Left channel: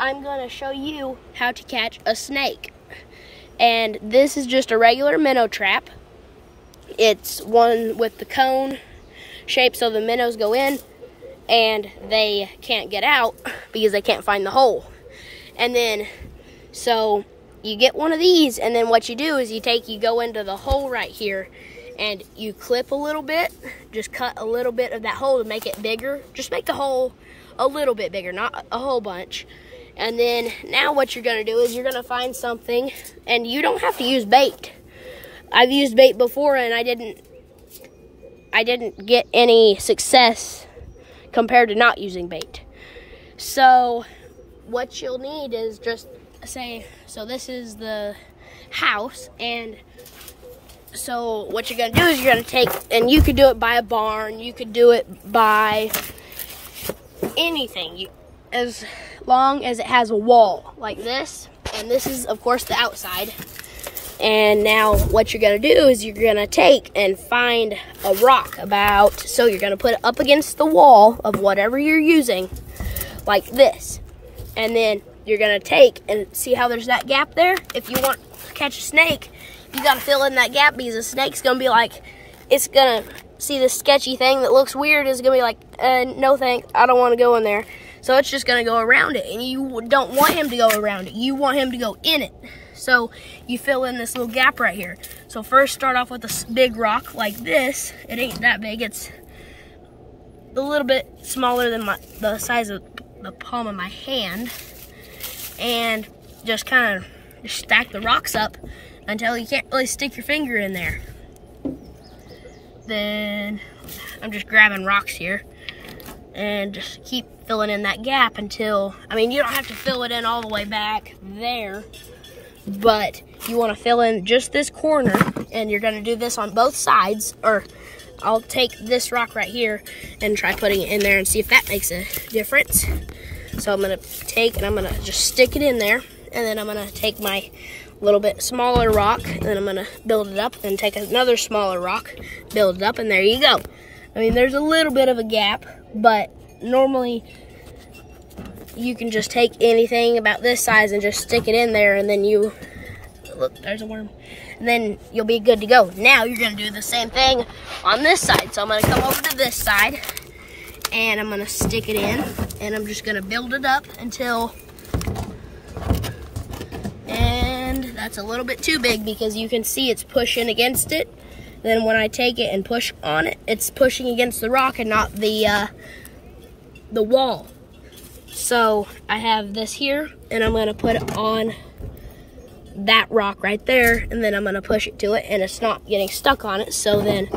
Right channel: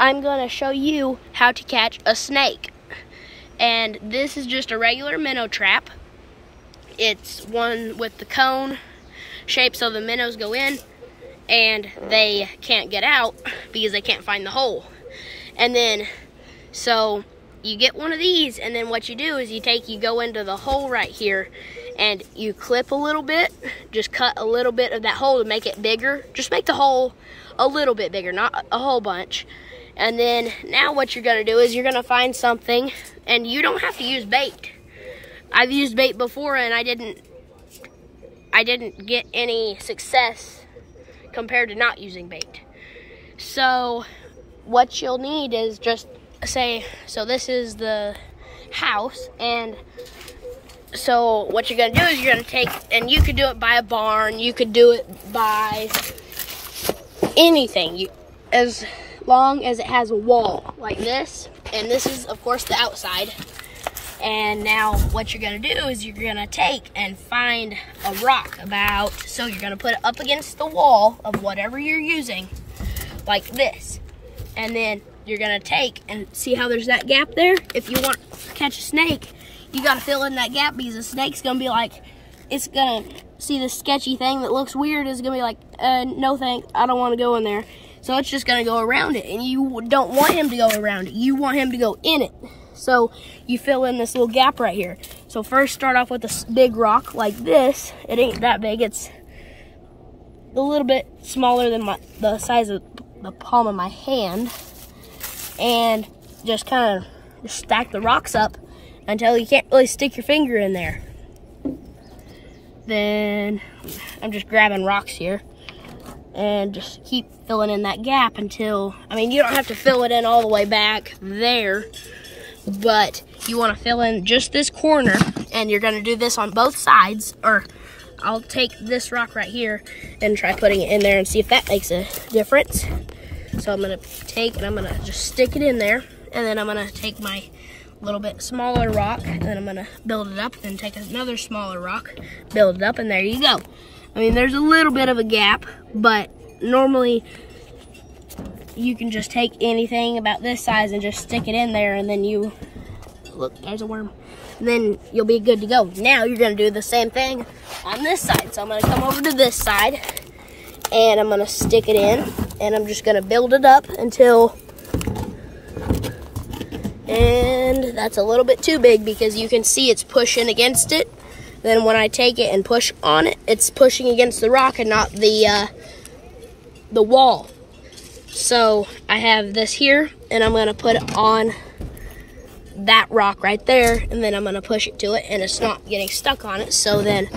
I'm going to show you how to catch a snake. And this is just a regular minnow trap. It's one with the cone shape so the minnows go in and they can't get out because they can't find the hole. And then, so you get one of these, and then what you do is you go into the hole right here and you clip a little bit, just cut a little bit of that hole to make it bigger. Just make the hole a little bit bigger, not a whole bunch. And then now what you're gonna do is you're gonna find something, and you don't have to use bait. I've used bait before and I didn't get any success compared to not using bait. So what you'll need is just say, so this is the house, and so what you're gonna do is you're gonna take, and you could do it by a barn, you could do it by anything, as long as it has a wall like this. And this is of course the outside. And now what you're gonna do is you're gonna take and find a rock so you're gonna put it up against the wall of whatever you're using, like this. And then you're gonna take and see how there's that gap there? If you want to catch a snake, you gotta fill in that gap, because a snake's gonna be like, it's gonna see this sketchy thing that looks weird, is gonna be like, no thanks, I don't wanna go in there. So it's just gonna go around it, and you don't want him to go around it, you want him to go in it. So you fill in this little gap right here. So first start off with a big rock like this. It ain't that big, it's a little bit smaller than the size of the palm of my hand. And just kind of stack the rocks up until you can't really stick your finger in there. Then I'm just grabbing rocks here and just keep filling in that gap until, I mean, you don't have to fill it in all the way back there, but you want to fill in just this corner, and you're going to do this on both sides. Or I'll take this rock right here and try putting it in there and see if that makes a difference. So I'm going to take and I'm going to just stick it in there, and then I'm going to take my little bit smaller rock, and then I'm going to build it up, and take another smaller rock, build it up, and there you go. I mean, there's a little bit of a gap, but normally you can just take anything about this size and just stick it in there, and then you, look, there's a worm, and then you'll be good to go. Now you're gonna do the same thing on this side. So I'm gonna come over to this side, and I'm gonna stick it in, and I'm just gonna build it up until, and that's a little bit too big because you can see it's pushing against it. Then when I take it and push on it, it's pushing against the rock and not the wall. So I have this here, and I'm gonna put it on that rock right there, and then I'm gonna push it to it, and it's not getting stuck on it. So then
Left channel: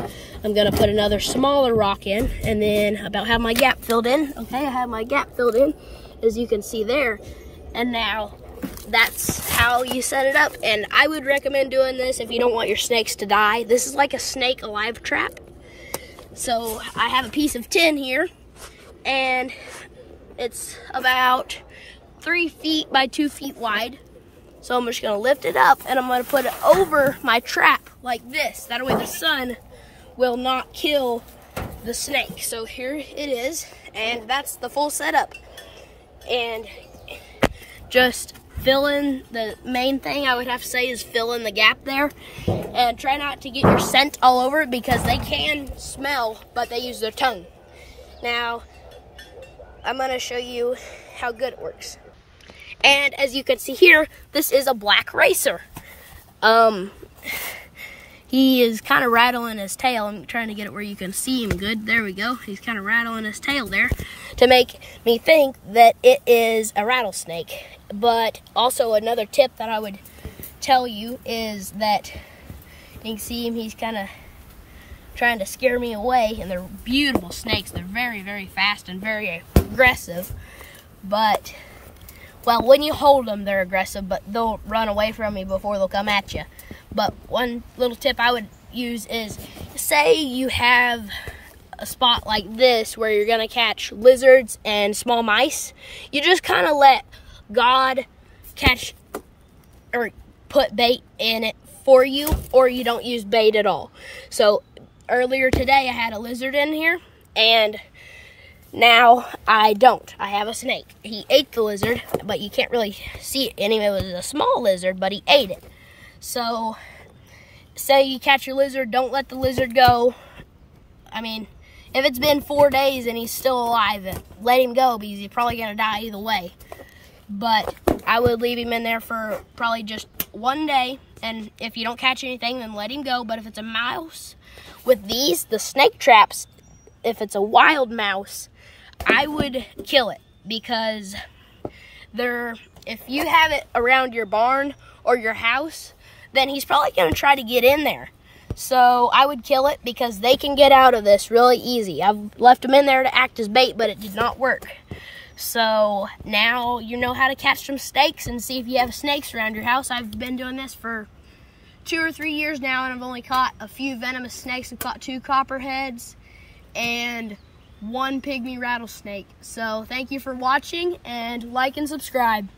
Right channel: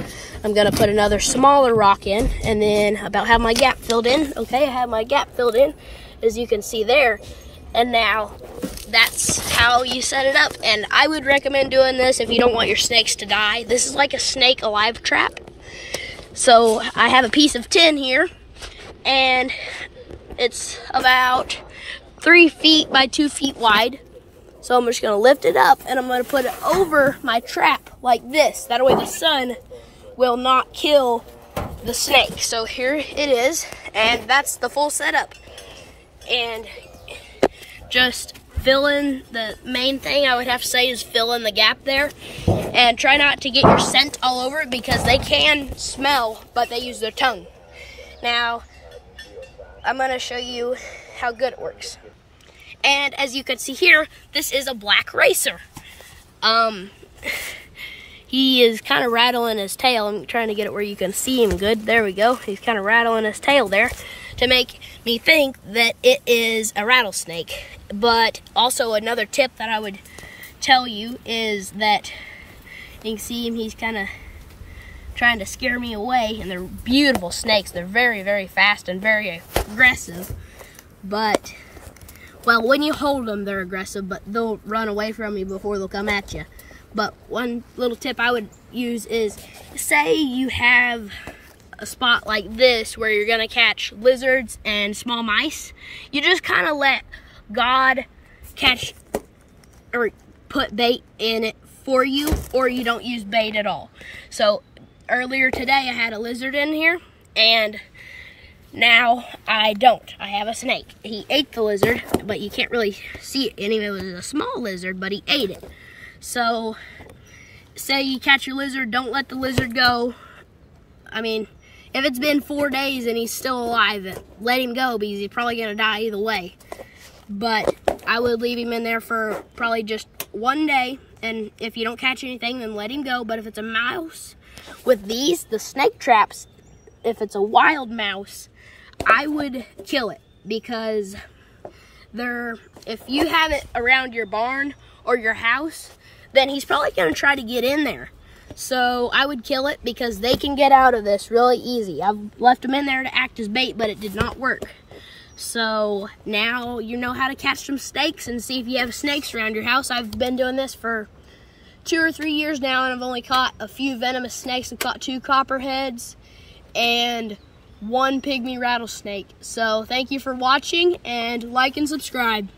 I'm gonna put another smaller rock in, and then about have my gap filled in. Okay, I have my gap filled in, as you can see there. And now that's how you set it up. And I would recommend doing this if you don't want your snakes to die. This is like a snake alive trap. So I have a piece of tin here, and it's about 3 feet by 2 feet wide. So I'm just gonna lift it up, and I'm gonna put it over my trap like this. That way the sun will not kill the snake. So here it is, and that's the full setup. And just fill in, the main thing I would have to say is fill in the gap there, and try not to get your scent all over it, because they can smell, but they use their tongue. Now I'm gonna show you how good it works. And as you can see here, this is a black racer. He is kind of rattling his tail. I'm trying to get it where you can see him good. There we go. He's kind of rattling his tail there to make me think that it is a rattlesnake. But also another tip that I would tell you is that you can see him, he's kind of trying to scare me away. And they're beautiful snakes. They're very, very fast and very aggressive. But, well, when you hold them, they're aggressive, but they'll run away from you before they'll come at you. But one little tip I would use is, say you have a spot like this where you're gonna catch lizards and small mice, you just kind of let God catch or put bait in it for you, or you don't use bait at all. So earlier today I had a lizard in here, and Now, I don't. I have a snake. He ate the lizard, but you can't really see it anyway. It was a small lizard, but he ate it. So, say you catch your lizard, don't let the lizard go. I mean, if it's been 4 days and he's still alive, let him go because he's probably going to die either way. But I would leave him in there for probably just 1 day. And if you don't catch anything, then let him go. But if it's a mouse, with these, the snake traps, if it's a wild mouse, I would kill it. Because if you have it around your barn or your house, then he's probably going to try to get in there. So I would kill it because they can get out of this really easy. I've left them in there to act as bait, but it did not work. So now you know how to catch some snakes and see if you have snakes around your house. I've been doing this for 2 or 3 years now, and I've only caught a few venomous snakes. I've caught 2 copperheads and 1 pygmy rattlesnake. So thank you for watching, and like and subscribe.